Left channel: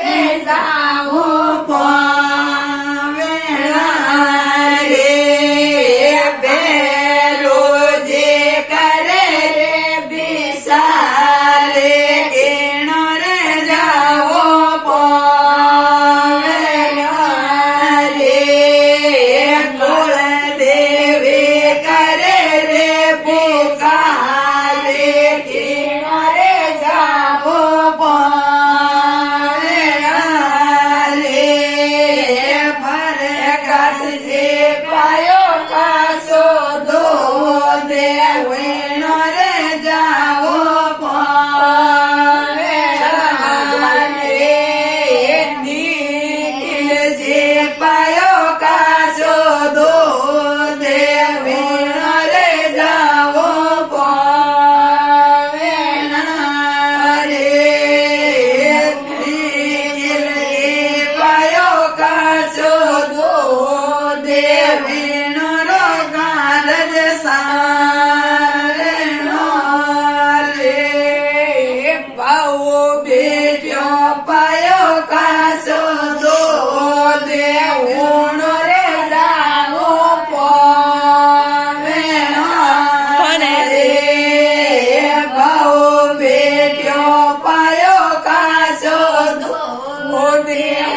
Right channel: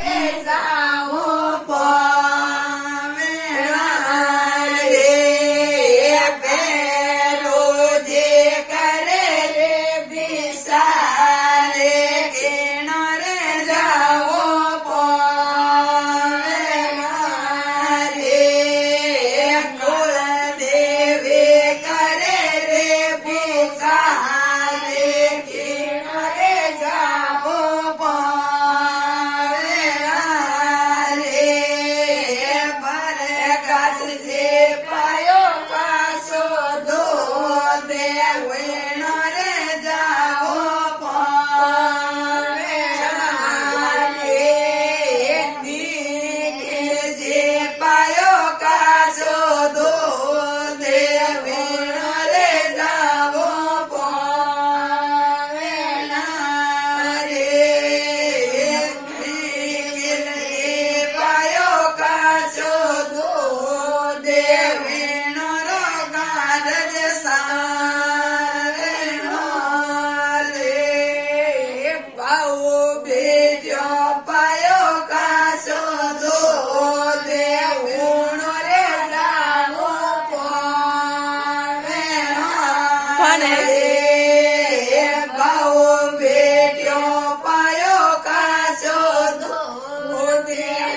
જાવો પવેણા રે બેરો જે કરે રે બિસારે કેણો રે જાવો પવેણા રે કુળ દેવી કરે રે પુકારે કેણો રે જાવો Oh,